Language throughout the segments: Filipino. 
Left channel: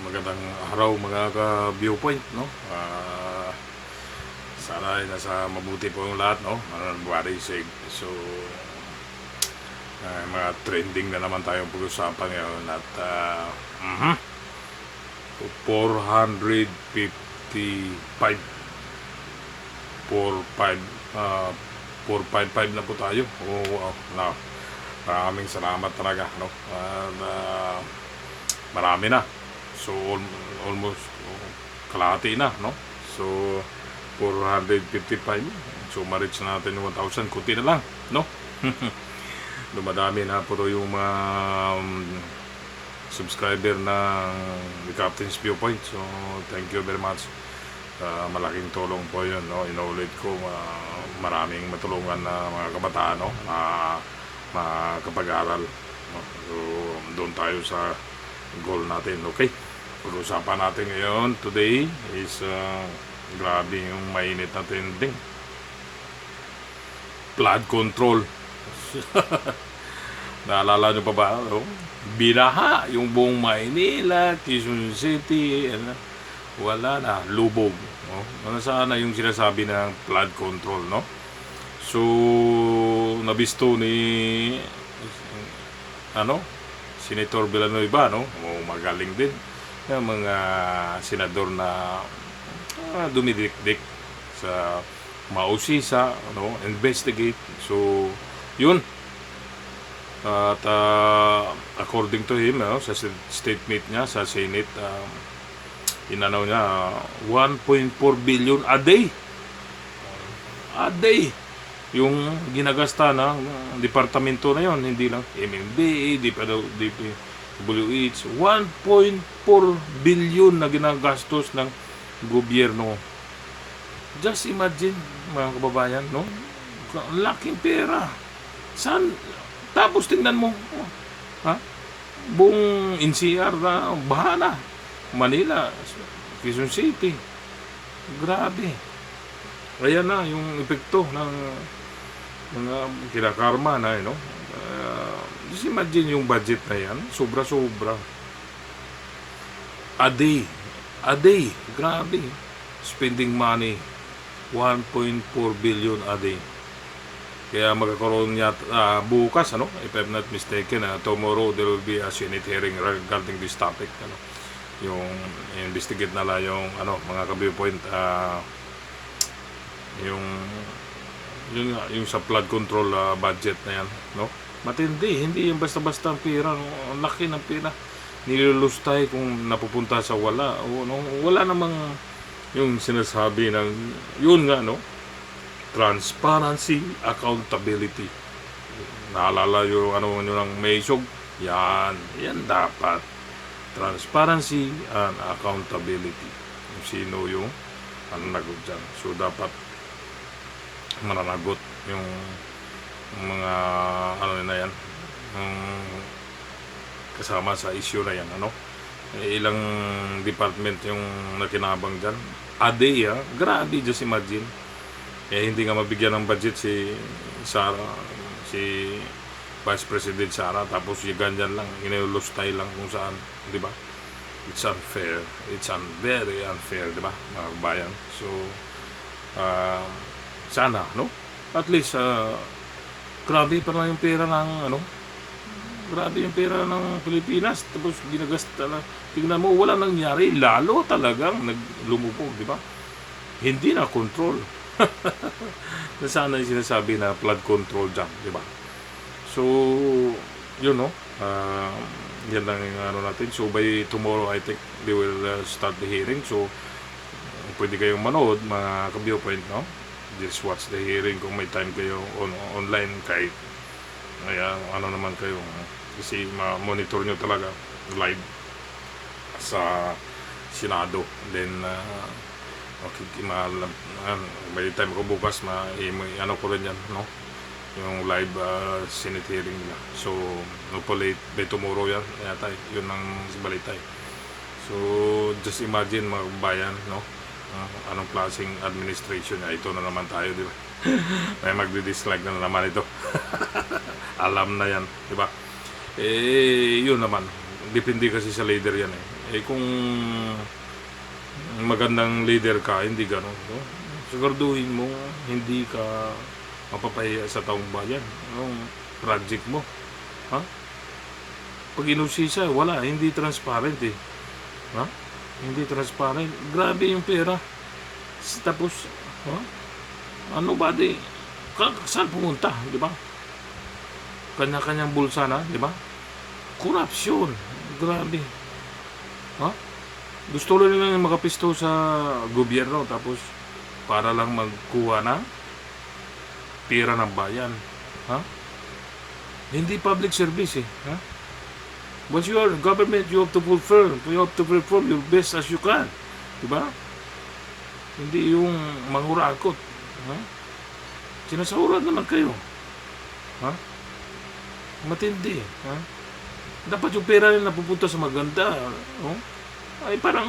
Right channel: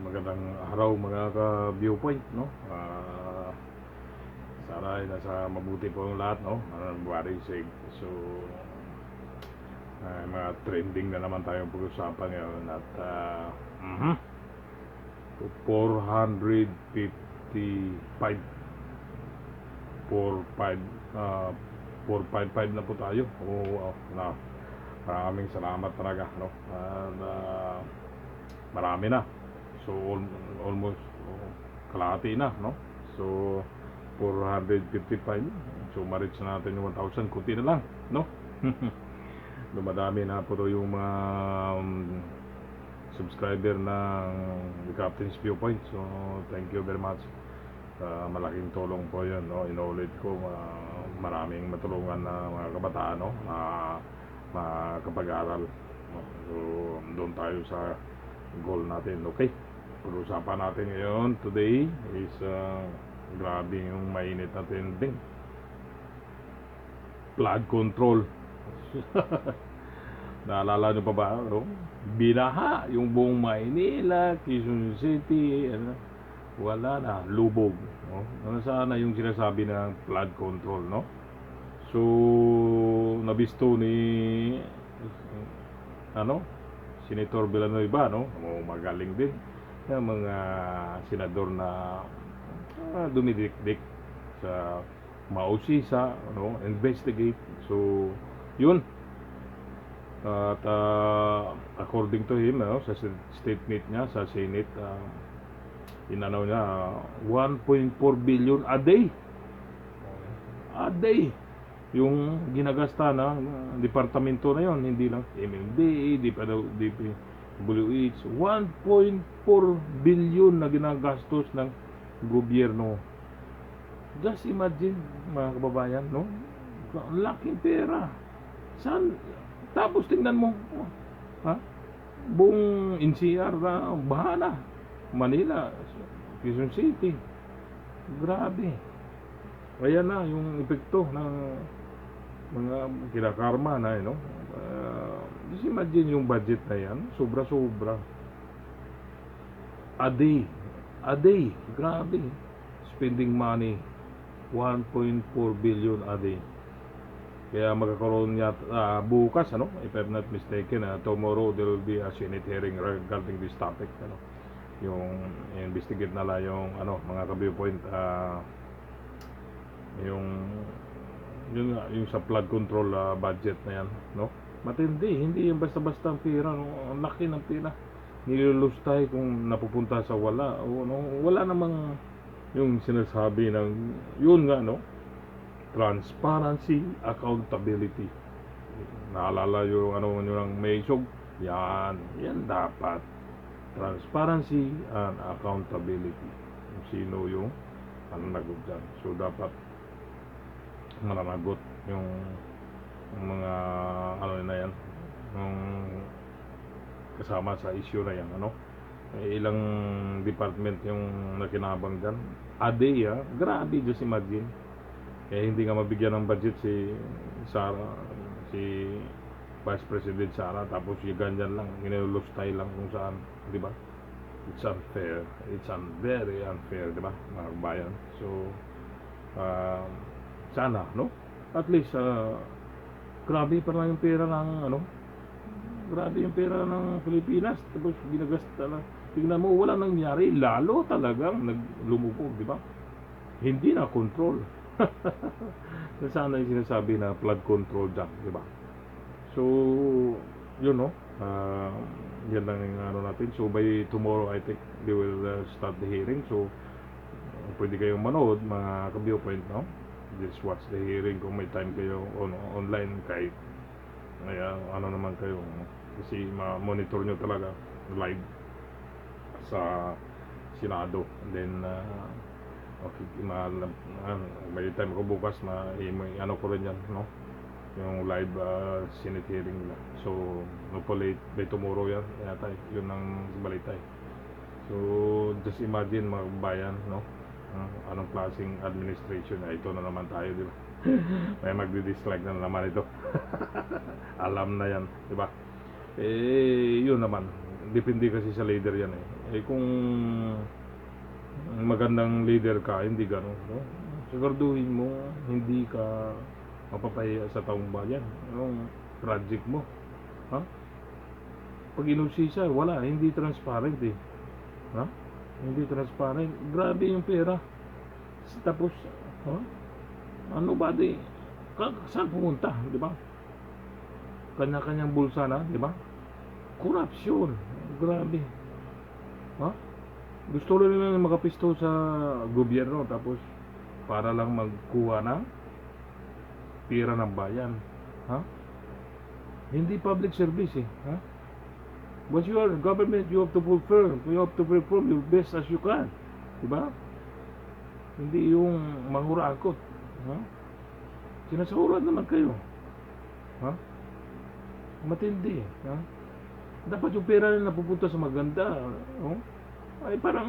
Magandang araw mga ka-viewpoint, no? Sana ay nasa mabuti po yung lahat, no? Mananbari sig. So, mga trending na naman tayong pag-usapan ngayon at 455 45 uh, 455 na po tayo. Wow, na maraming salamat talaga, no? Marami na. So almost kalahati na, no? So 455. So ma-reach natin yung 1,000, kunti na lang, no? Dumadami na po to yung mga subscriber ng The Captain's Viewpoint. So thank you very much. Malaking tulong po yun, no? Inuulit ko, maraming matulungan na mga kabataan, no? Makapag-aral, no? So doon tayo sa goal natin, okay? Pag-usapan natin ngayon today is grabe yung mainit na trending, flood control. Naalala nyo pa ba, no? Binaha yung buong Maynila, Quezon City, wala na, lubog, no? Nasaan na yung sinasabi ng flood control, no? So nabisto ni Senator Villanueva, no? Magaling din yung mga senador na dumidikdik sa mausisa, no? Investigate. So yun, at according to him, no, sa statement niya sa Senate, inanaw niya 1.4 billion a day yung ginagasta ng departamento na yon, hindi lang MMDA, DPWH. 1.4 billion na ginagastos ng gobyerno. Just imagine, mga kababayan, no? Laking pera. Saan? Tapos tingnan mo, ha? Buong NCR na baha na. Manila, Quezon City. Grabe. Ayan na yung epekto ng mga kinakarma na, no? Just imagine yung budget na yan, sobra-sobra. A day, grabe. Spending money, 1.4 billion a day. Kaya magkakaroon niya bukas, ano? If I'm not mistaken, tomorrow there will be a Senate hearing regarding this topic, ano? Yung investigate na lang yung mga ka-viewpoint, yung sa flood control budget na yan, no? Matindi, hindi yung basta-basta ang pera, no? Ang laki ng pera nilulustay kung napupunta sa wala, o no? Wala namang yung sinasabi ng yun nga, no? Transparency, accountability. Naalala yung ng Maysog, yan dapat transparency and accountability. Yung sino yung nagot dyan. So dapat mananagot yung mga na yan, yung kasama sa issue na yan, ilang department yung nakinabang dyan a day, grabe. Just imagine, hindi nga mabigyan ng budget si Vice President Sara, tapos yung ganyan lang, inulustay lang kung saan, di ba? It's unfair, very unfair, di ba, mga kabayan? So sana, no? At least, grabe pa na yung pera ng, grabe yung pera ng Pilipinas. Tapos ginagasta na. Tingnan mo, wala nangyari. Lalo talagang naglumubog, di ba? Hindi na control. Sana yung sinasabi na flood control dyan, di ba? So, yun, no? Yan lang yung natin. So, by tomorrow, I think they will start the hearing. So, pwede kayong manood, mga ka-viewpoint, no? Just watch the hearing kung may time kayo online, kahit naman kayo, kasi ma-monitor nyo talaga live sa Senado. Then by the time ko bukas ko rin yan, no? Yung live Senate hearing nila. So hopefully by tomorrow yan yata, yun ang balitay. So just imagine, mga bayan, no? Anong klaseng administration na ito na naman tayo, di ba? May magdi-dislike na naman ito. Alam na yan, di ba? Yun naman, depende kasi sa leader yan eh. Eh kung magandang leader ka, hindi gano'n. No? Siguraduhin mo, hindi ka mapapahiya sa taong bayan. Anong project mo? Ha? Pag inusisa, wala, hindi transparent eh. Ha? Hindi transparent. Grabe yung pera. Tapos, ha? Ano ba di? Saan pumunta, di ba? Kanya-kanyang bulsa na, di ba? Corruption. Grabe. Ha? Gusto lang nila makapisto sa gobyerno tapos para lang magkuha ng pera ng bayan. Ha? Hindi public service eh. Ha? Once you are government, you have to perform your best as you can. Diba? Hindi yung mangurakot. Ha? Sinasahuran naman kayo. Ha? Matindi. Ha? Dapat yung pera nila napupunta sa maganda. Oh? Ay parang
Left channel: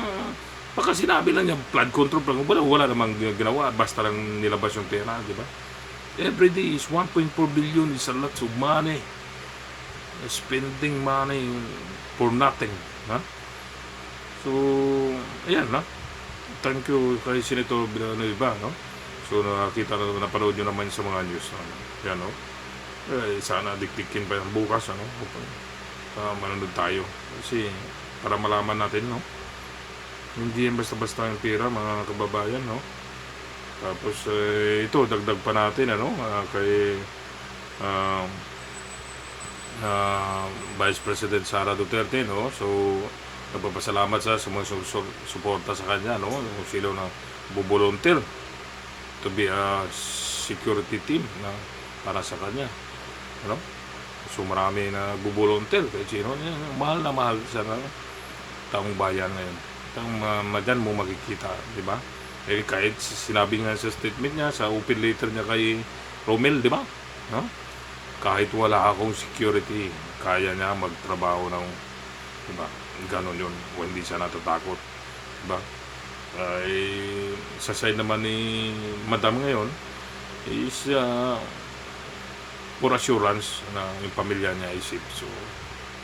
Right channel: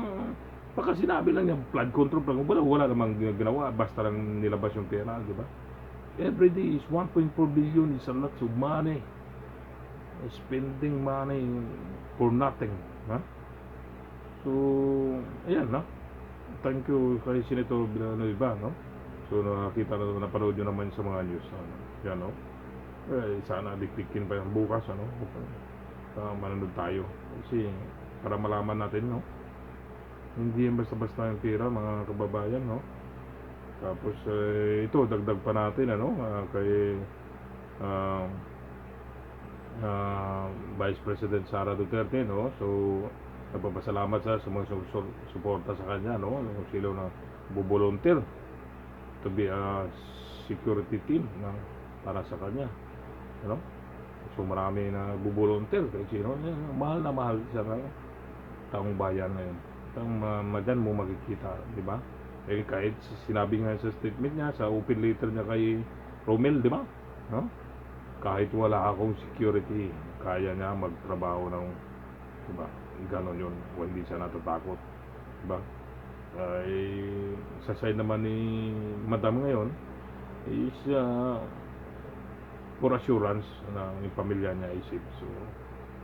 baka sinabi lang niya flood control plan. Wala namang ginawa. Basta lang nilabas yung pera. Diba? Every day is 1.4 billion is a lot of money. Spending money for nothing. Ha? So, ayan na. Thank you kay Senator Villanueva, no? So, nakita na, napanood nyo naman sa mga news. Ano? Yan, no? Eh, sana diktikin pa yan bukas, ano? Manonood tayo. Kasi, para malaman natin, no? Hindi yan basta-basta yung pera, mga kababayan, no? Tapos, ito, dagdag pa natin, ano? Kay Vice President Sara Duterte, no? So nagpapasalamat sa mga suporta sa kanya, no? Sila na volunteer to be a security team na para sa kanya, no? So marami na volunteer kahit sino, mahal na mahal sa taong bayan ngayon. Madyan mo makikita, di ba? Eh kahit sinabi nga sa statement niya, sa open letter niya kay Romel, di ba? No? Kahit wala akong security, kaya niya magtrabaho ng, diba, ganon yun, o hindi siya natatakot, diba? Sa side naman ni Madam ngayon, is for assurance na yung pamilya niya is safe. So,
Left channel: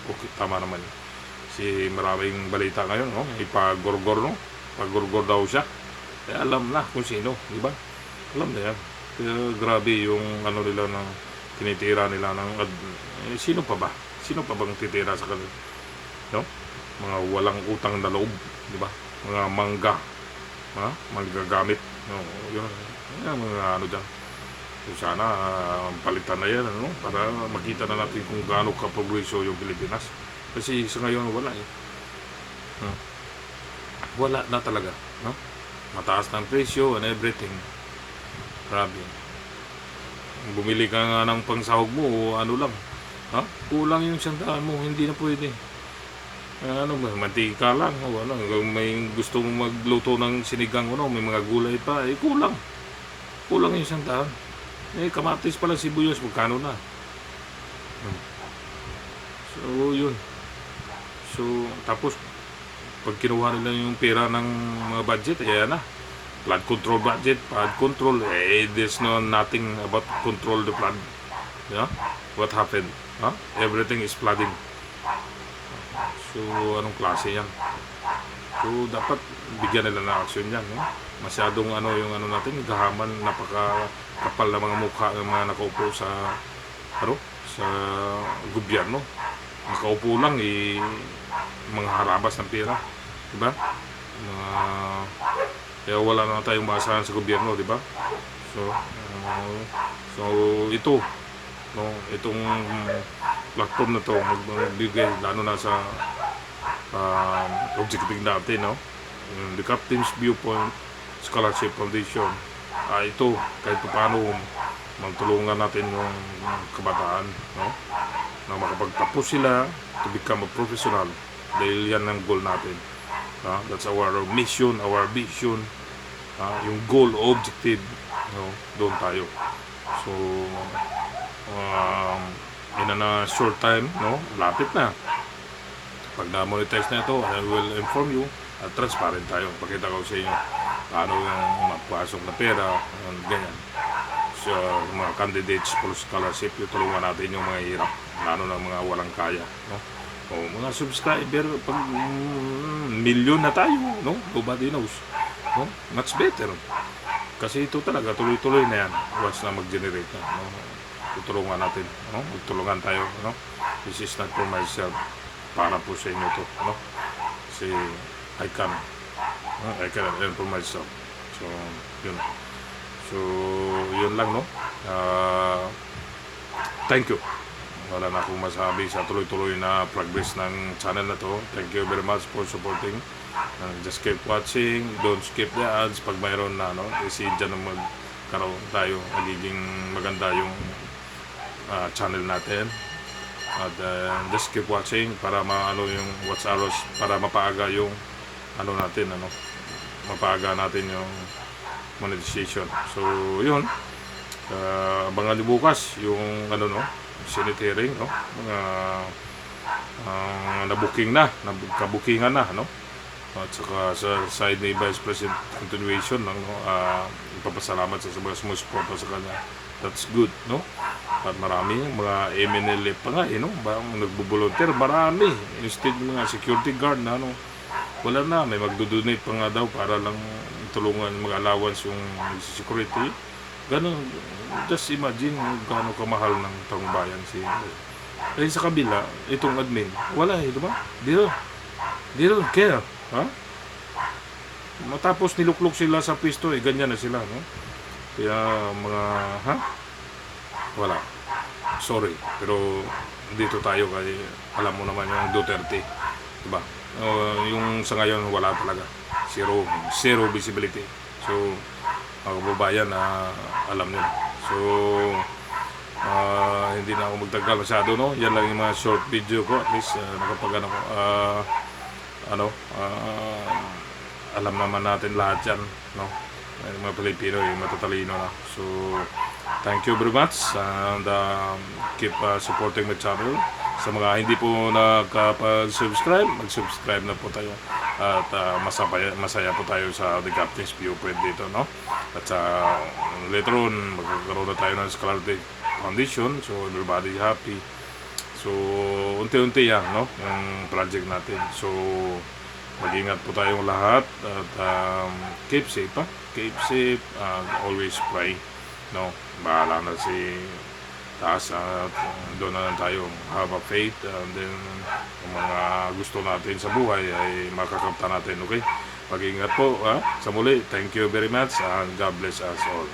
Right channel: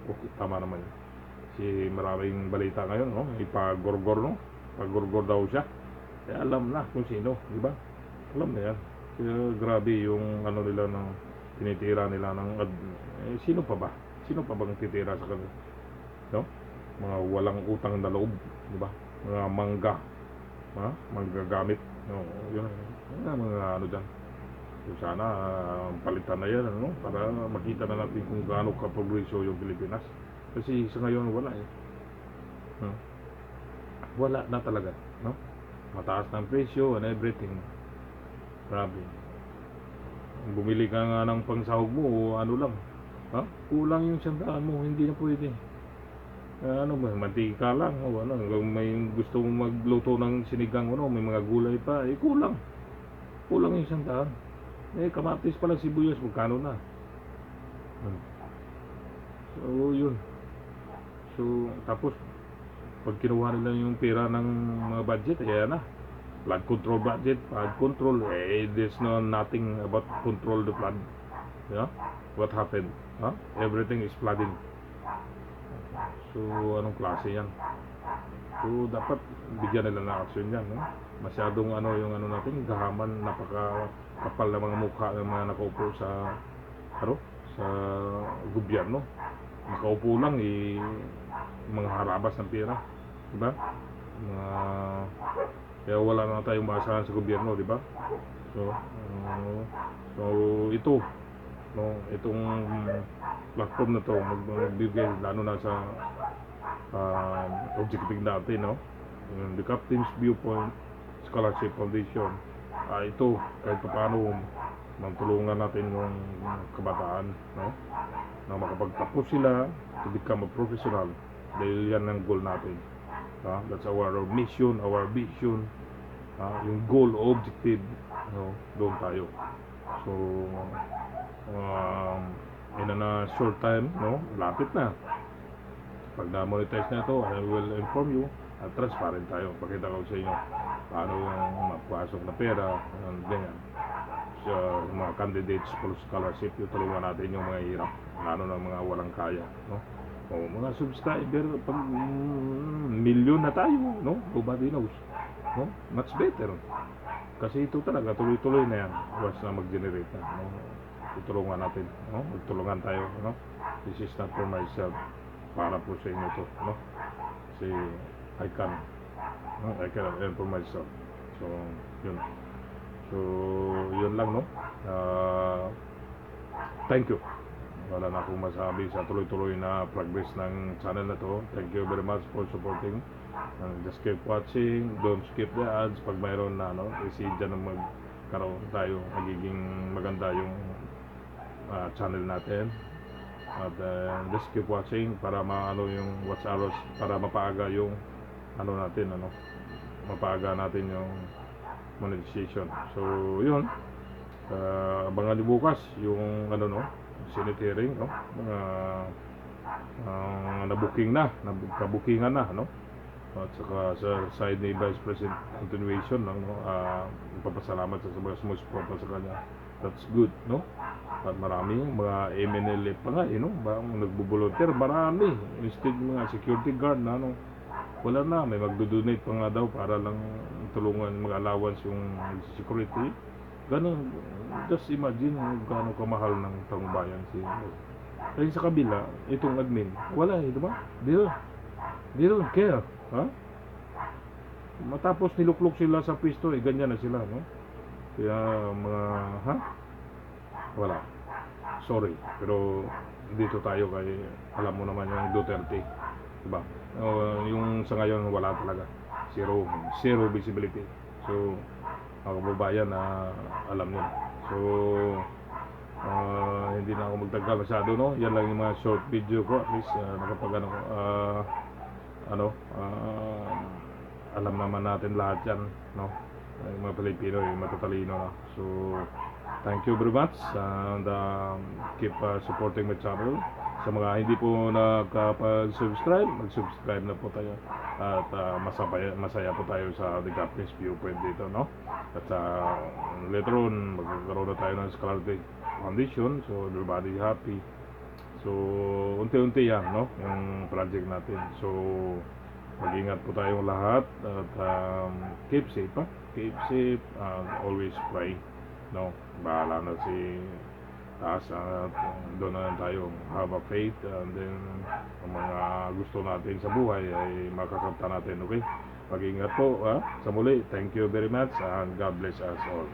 okay, tama naman yun. Si maraming balita ngayon, no? Ipagorgor, no? Pagorgor daw siya. Alam na kung sino, diba? Alam na yan. Kaya grabe yung ano nila ng tinitira nila ng sino pa ba? Sino pa bang titira sa kanila? No? Mga walang utang na loob, di ba? Mga manggagamit. No, yun. Mga ano diyan. So sana palitan na yan, ano? Para makita na natin kung gaano ka-progreso yung Pilipinas. Kasi sa ngayon wala eh. No? Wala na talaga, no? Mataas ng presyo and everything. Grabe. Bumili ka nga ng pangsahog mo o ano lang, ha? Kulang yung 100 mo, hindi na pwede. Ano ba, mantika lang o ano, may gusto mong magluto ng sinigang, ano, may mga gulay pa, kulang yung 100. Kamatis pala, sibuyas, magkano na? So yun. So tapos pag kinuha nila yung pera ng mga budget, ayan na, flood control budget, flood control, there's nothing about control the flood. Yeah? What happened? Huh? Everything is flooding. So, anong klase yan? So, dapat bigyan nila ng action yan. No? Masyadong yung natin, gahaman, napaka-kapal na mga mukha ng mga nakaupo sa gobyerno. Nakaupo lang, mga harabas ng pera. Diba? Kaya wala na tayong maasahan sa gobyerno, di ba? So ito, no, itong platform na to magbigay lalo na sa objective natin, no? The Captain's Viewpoint Scholarship Foundation. Ito kahit paano magtulungan natin yung kabataan, no? Na makapagtapos sila to become a professional dahil yan ang goal natin. That's our mission, our vision, yung goal, objective, no? Doon tayo. So in a short time, no? Lapit na. Pag na-monetize na ito, I will inform you at transparent tayo. Pakita ko sa inyo paano yung mapasok na pera, ganyan. So, mga candidates for scholarship, yung tulungan natin yung mga hirap, lalo na mga walang kaya, no? Mga subscriber, pag million na tayo, no? Nobody knows. No? Much better. Kasi ito talaga, tuloy-tuloy na yan. Once na mag-generate na. No? Tutulungan natin. No? Magtulungan tayo. No? This is not for myself. Para po sa inyo to. No? Kasi I can. No? I can earn for myself. So, yun. So, yun lang, no? Thank you. Wala na akong masabi sa tuloy-tuloy na progress ng channel na to. Thank you very much for supporting. Just keep watching. Don't skip the ads. Pag mayroon na, no? Kasi dyan na magkaroon tayo. Magiging maganda yung channel natin. At just keep watching para maano yung watch hours, para mapaaga yung ano natin, ano? Mapaaga natin yung monetization. So, yun. Abangan nyo bukas yung ano, no? Senate hearing, no? Mga nabuking na, kabukingan na, no? At saka sa side ni Vice President continuation, no? Ipapasalamat sa mga sumusuporta sa kanya. That's good, no? At marami mga MNLF pa nga, no? Nagbo-volunteer, marami. Instead mga security guard na, no? Wala na, may magdo-donate pa nga daw para lang tulungan mga allowance yung security. Ganun, just imagine gaano kamahal ng taong bayan si Kasi sa kabila, itong admin, wala di ba? They don't care, ha? Matapos niluklok sila sa pwesto, ganyan na sila, no? Kaya mga, ha? Wala. Sorry, pero dito tayo kasi alam mo naman yung Duterte, di ba? Yung sa ngayon, wala talaga. Zero visibility. So, mga kababayan na alam nyo. So, hindi na ako magtagal masyado, no? Yan lang yung mga short video ko. At least, nakapag alam naman natin lahat yan, no? Yung mga Pilipino, yung matatalino na. So, thank you very much and keep supporting my channel. Sa mga hindi po nakapag-subscribe, mag-subscribe na po tayo. At masaya po tayo sa The Captain's Viewpoint dito, no? At later on, magkakaroon na tayo ng Scholarly Foundation. So, everybody happy. So, unti-unti yan, no? Yung project natin. So, mag-ingat po tayong lahat. At keep safe, ha? Keep safe and always pray, no? Bahala na si taas at doon na lang tayo have a faith, and then ang mga gusto natin sa buhay ay makakamta natin, okay? Mag-ingat po, ha? Sa muli, thank you very much and God bless us all.